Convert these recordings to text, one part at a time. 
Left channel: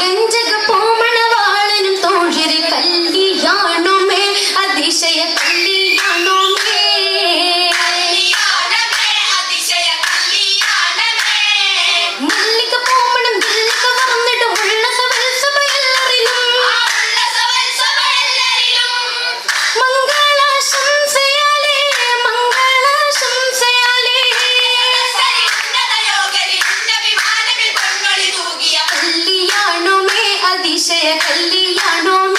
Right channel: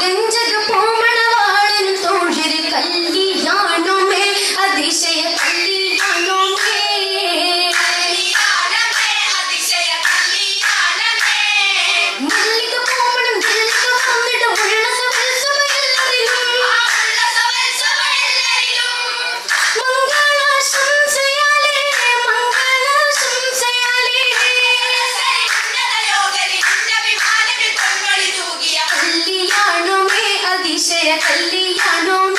Benja I know.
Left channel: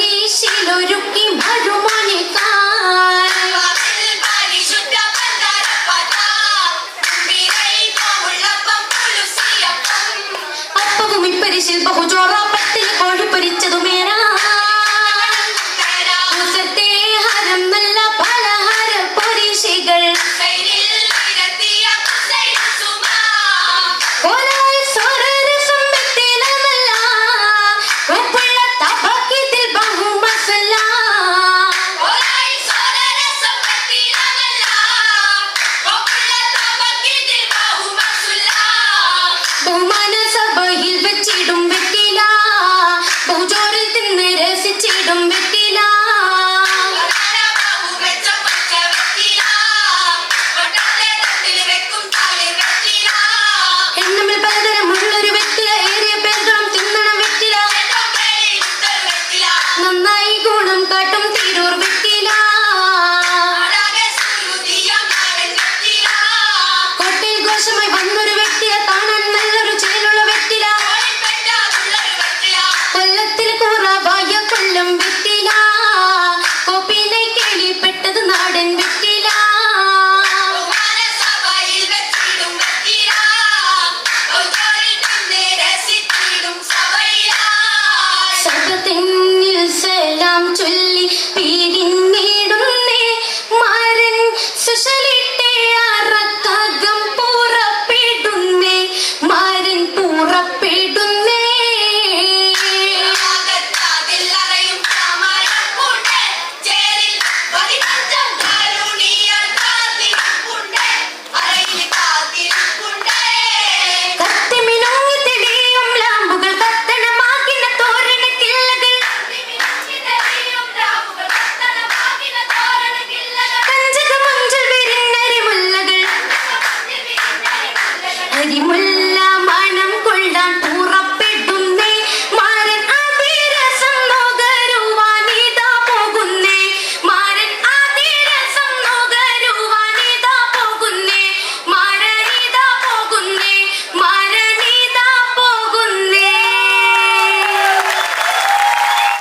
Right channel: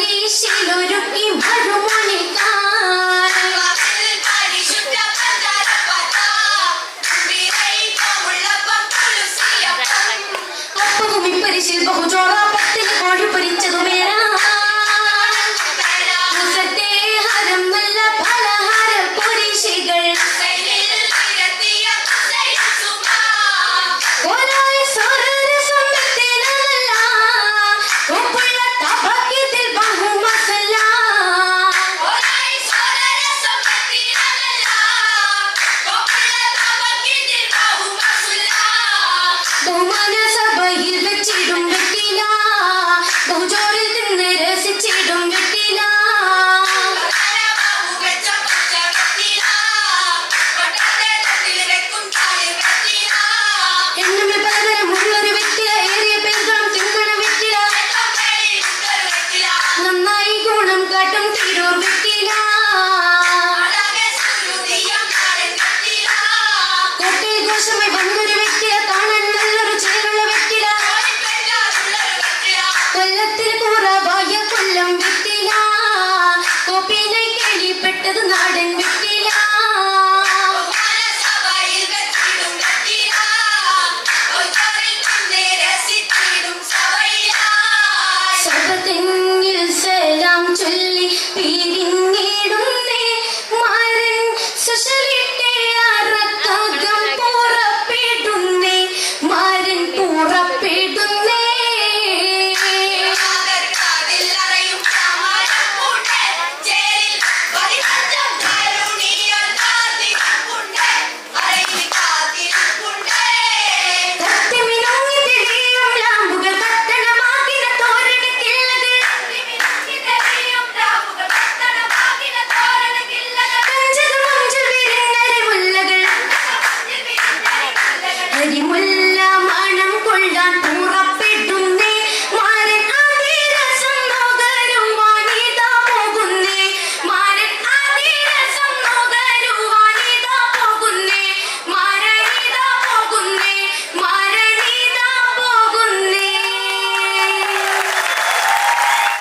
കുരീശിലൊരുക്കി ബഹുമണിക്കാ അപ്പവും ഇപ്പരിശിൽ ബഹുചോറാപ്പത്തിൽ കോഴിപ്പരിച്ചതുമേനാ മുല്ല മനം കൊള്ളാൻ